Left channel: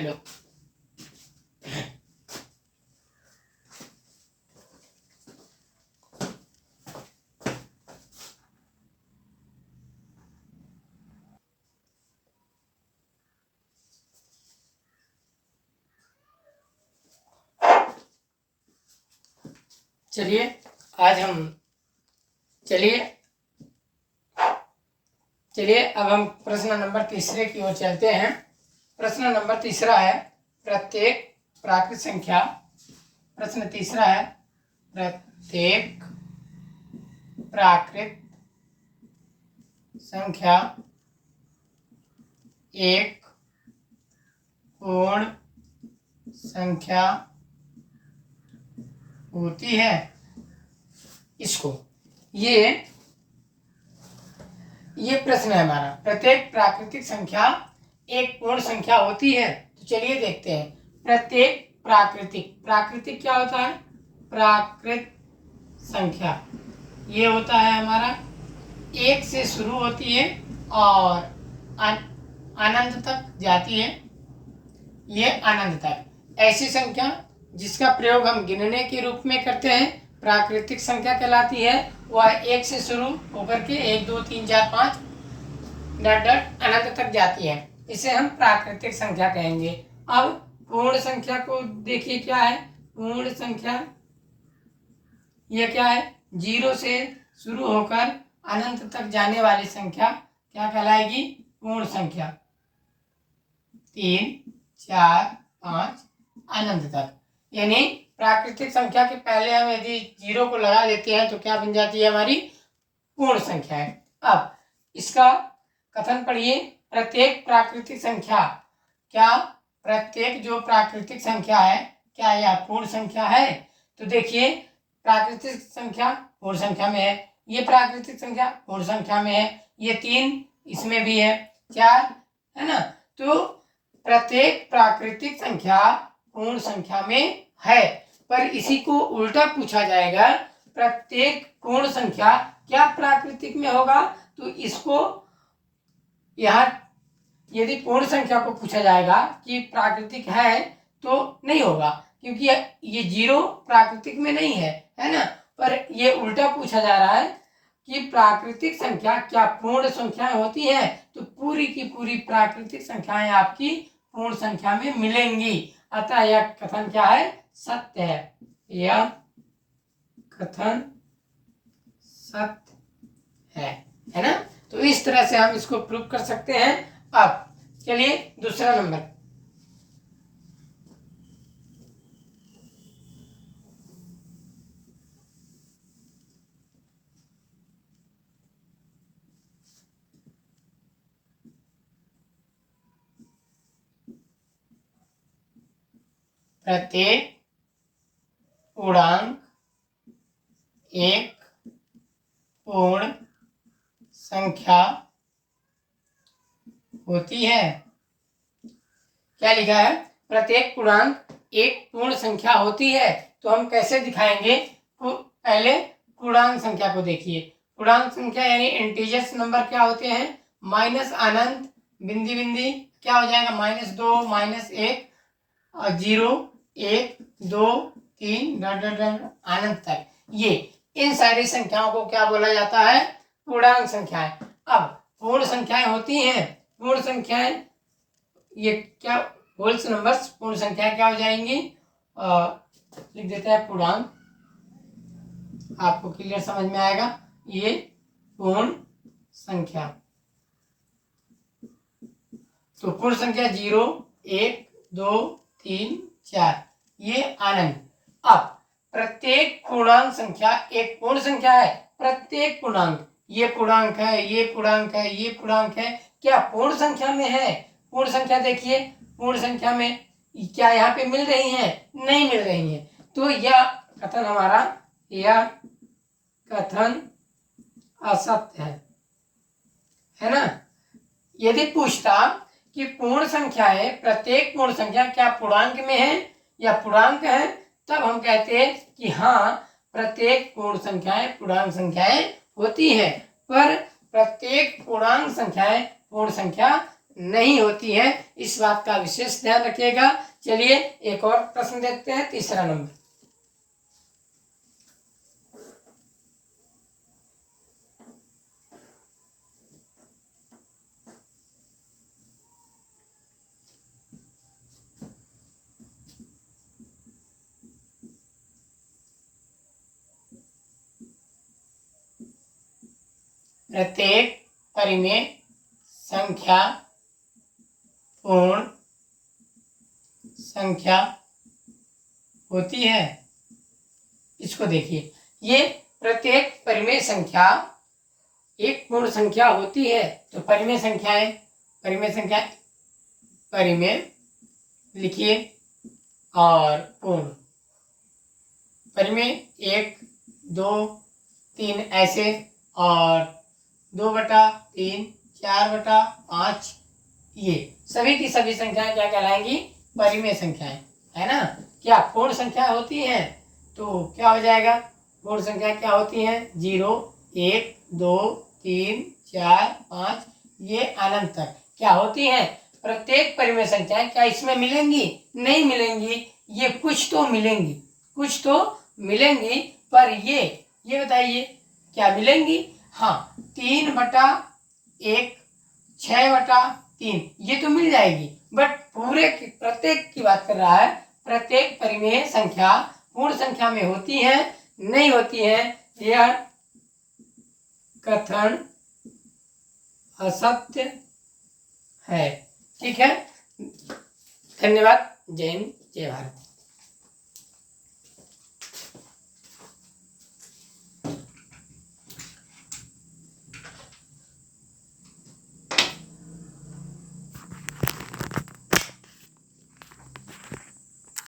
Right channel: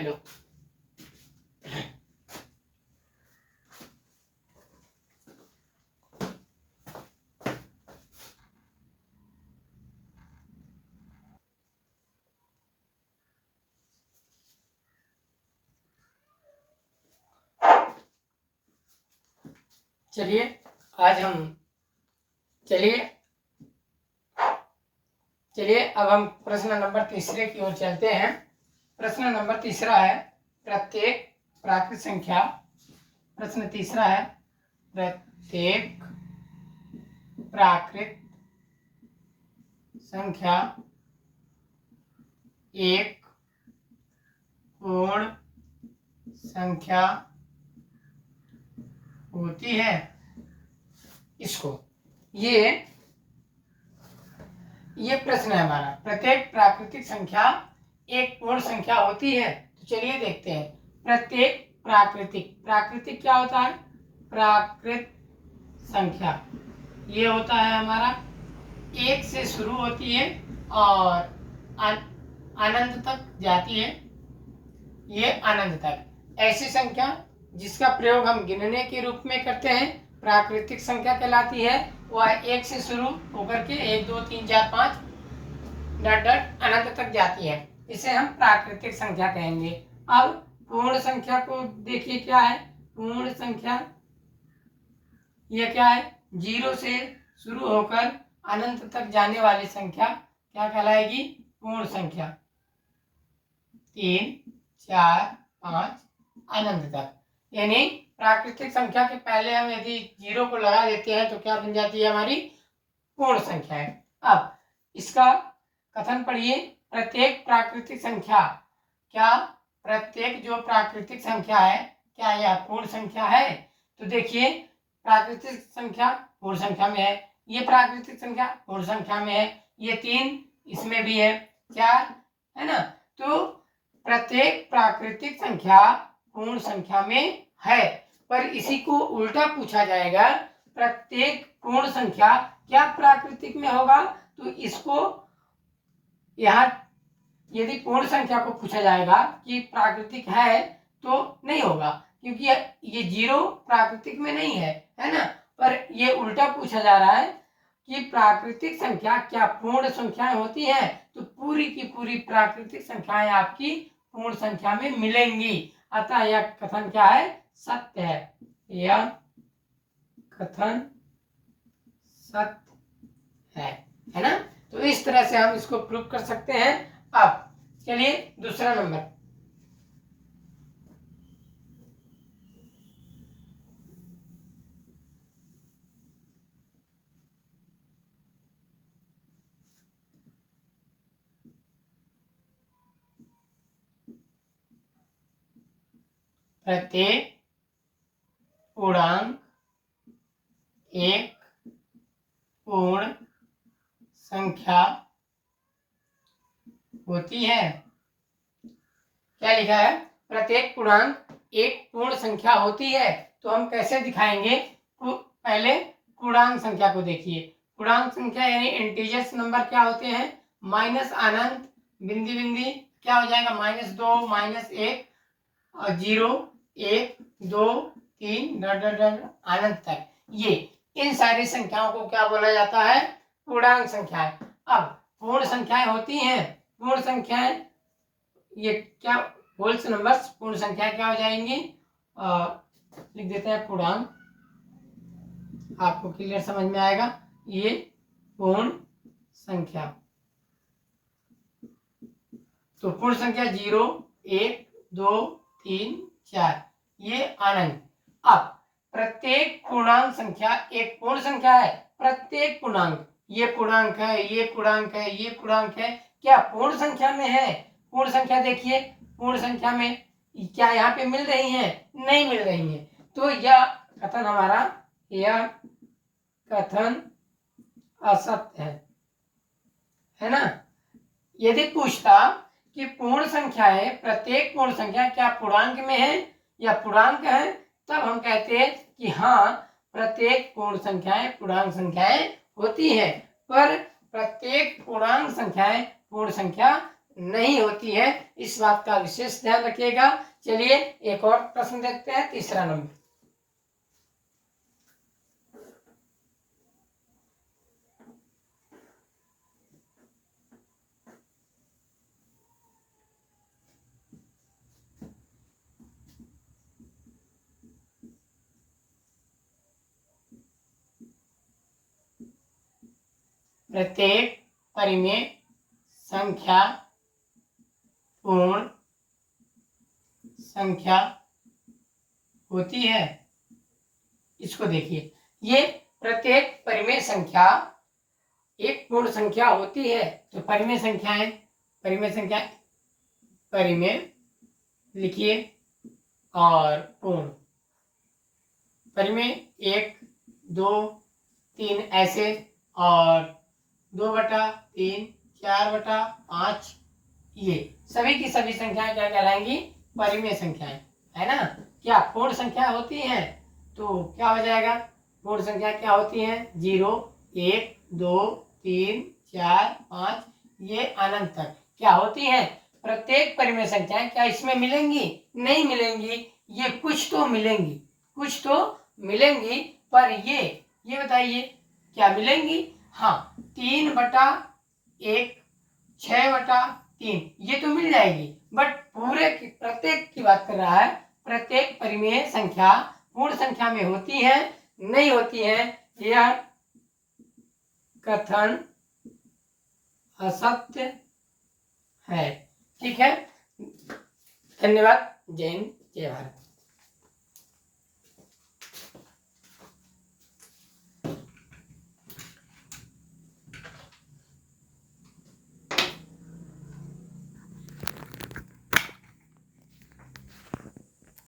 Hello. चलिए अब हम प्रश्न नंबर तीसरे की ओर चलते हैं। प्रश्न नंबर तीसरा है प्रत्येक प्राकृत संख्या। प्रश्न तीसरा है प्रत्येक प्राकृत संख्या एक पूर्ण संख्या होती है। इसको ये प्रश्न है हमारा, प्रत्येक प्राकृतिक संख्या एक पूर्ण संख्या होती है। तो चलिए देखते हैं। प्रत्येक प्राकृतिक क्या होता है? प्राकृत संख्या ये होता है हमारा एक से शुरू होती है और अनंत तक जाती है। ये अनंत तक ऐसी संख्या जिसका प्रयोग हम गिनने के रूप में करते हैं प्राकृतिक संख्या कहलाती है। वह एक से शुरू होकर के 1 2 3 4 5 डट अनंत तक जाती है। इसे हम प्राकृतिक संख्या कहेंगे। अब पूर्ण संख्या को देखिए क्या है। पूर्ण संख्या यह क्या है? 0 से शुरू होकर अनंत तक जाने वाली संख्या क्या कहलाएगी? पूर्ण संख्या। 3 4 5 अनंत तक। यानी प्राकृतिक संख्या के पहले हम यदि 0 को लगा देते हैं तो क्या बन जाती है? हमारी पूर्ण संख्या है। अब इसका कथन पढ़िए। प्रत्येक प्राकृतिक संख्या, क्या प्रत्येक जो प्राकृतिक संख्या है क्या यह पूर्ण संख्या है? तो देखिए प्राकृतिक संख्या पूर्ण संख्या में है, ये प्राकृतिक संख्या पूर्ण संख्या में है, ये 3 इसमें भी है, 4 है ना। तो प्रत्येक प्राकृतिक संख्या पूर्ण संख्या में है। पर इसी को उल्टा पूछा जाएगा, प्रत्येक पूर्ण संख्या क्या प्राकृतिक में होगा? तो इसको यहाँ यदि पूर्ण संख्या को पूछा जाएगा कि प्राकृतिक है तो नहीं होगा, क्योंकि ये 0 प्राकृतिक में नहीं है, है ना। पर ये उल्टा पूछा जा रहा है कि प्राकृतिक संख्या क्या पूर्ण संख्याएं होती है? तो पूरी की पूरी प्राकृतिक संख्याएं आपकी पूर्ण संख्या में मिलेंगी। अतः यह कथन क्या है? सत्य है। यह कथन सत्य है ना। तो इस तरह से हम इसको प्रूव कर सकते हैं। अब चलिए दूसरा नंबर। प्रत्येक पूर्णांक एक पूर्ण संख्या होती है। क्या लिखा है? प्रत्येक पूर्णांक एक पूर्ण संख्या होती है। तो हम कैसे दिखाएंगे? पहले पूर्णांक संख्या को देखिए। पूर्णांक संख्या यानी इंटीजर्स नंबर क्या होते हैं? माइनस अनंत बिंदी बिंदी क्या हो जाएगा? -2 -1 और 0 1 2 3 अनंत तक। ये इन सारी संख्याओं को क्या बोला जाता है? पूर्णांक संख्याएं। अब पूर्ण संख्याएं होती हैं। पूर्ण संख्याएं ये क्या? Holes numbers. पूर्ण संख्याएं क्या हो जाएंगी? लिख देता है पूर्णांक, आपको क्लियर समझ में आएगा। ये पूर्ण संख्या। तो पूर्ण संख्या 0 1 2 3 4 ये अनंत। अब प्रत्येक पूर्णांक संख्या एक पूर्ण संख्या है। प्रत्येक पूर्णांक, ये पूर्णांक है, ये पूर्णांक है, ये पूर्णांक है, क्या पूर्ण संख्या में है? पूर्ण संख्या देखिए, पूर्ण संख्या में क्या यहाँ पे मिल रही है? नहीं मिल रही है। तो यह कथन हमारा, यह कथन असत्य है ना। यदि पूछता कि पूर्ण संख्या है, प्रत्येक पूर्ण संख्या क्या पूर्णांक में है या पूर्णांक है, तब हम कहते हैं कि हाँ प्रत्येक पूर्ण संख्याएं पूर्णांक संख्याएं होती है। पर प्रत्येक पूर्णांक संख्याएं पूर्ण संख्या नहीं होती हैं, इस बात का विशेष ध्यान रखिएगा। चलिए एक और प्रश्न देखते हैं, तीसरा नंबर। प्रत्येक परिमेय संख्या पूर्ण संख्या होती है। इसको देखिए, ये प्रत्येक परिमेय संख्या एक पूर्ण संख्या होती है। तो परिमेय संख्याएं, परिमेय लिखिए और पूर्ण। परिमेय 1, 2, 3 ऐसे, और 2/3, 4/5, ये सभी की सभी संख्याएं क्या कहलाएंगी? परिमेय संख्याएं, है ना। क्या पूर्ण संख्या होती हैं? तो क्या हो जाएगा? पूर्ण संख्या क्या होती हैं? 0, 1, 2, 3, 4, 5, ये अनंत तक क्या होती हैं? प्रत्येक परिमेय संख्याएं क्या इसमें मिलेंगी? नहीं मिलेंगी। ये कुछ तो मिलेंगी, पर ये बताइए क्या मिलेंगी? हाँ, 3/1, 6/3, ये तो मिल जाएगी। बट प्रत्येक की बात कर रहा है। प्रत्येक परिमेय संख्या पूर्ण संख्या में होती है, नहीं होती है, यह कथन असत्य है। ठीक है, धन्यवाद। जय हिंद, जय भारत।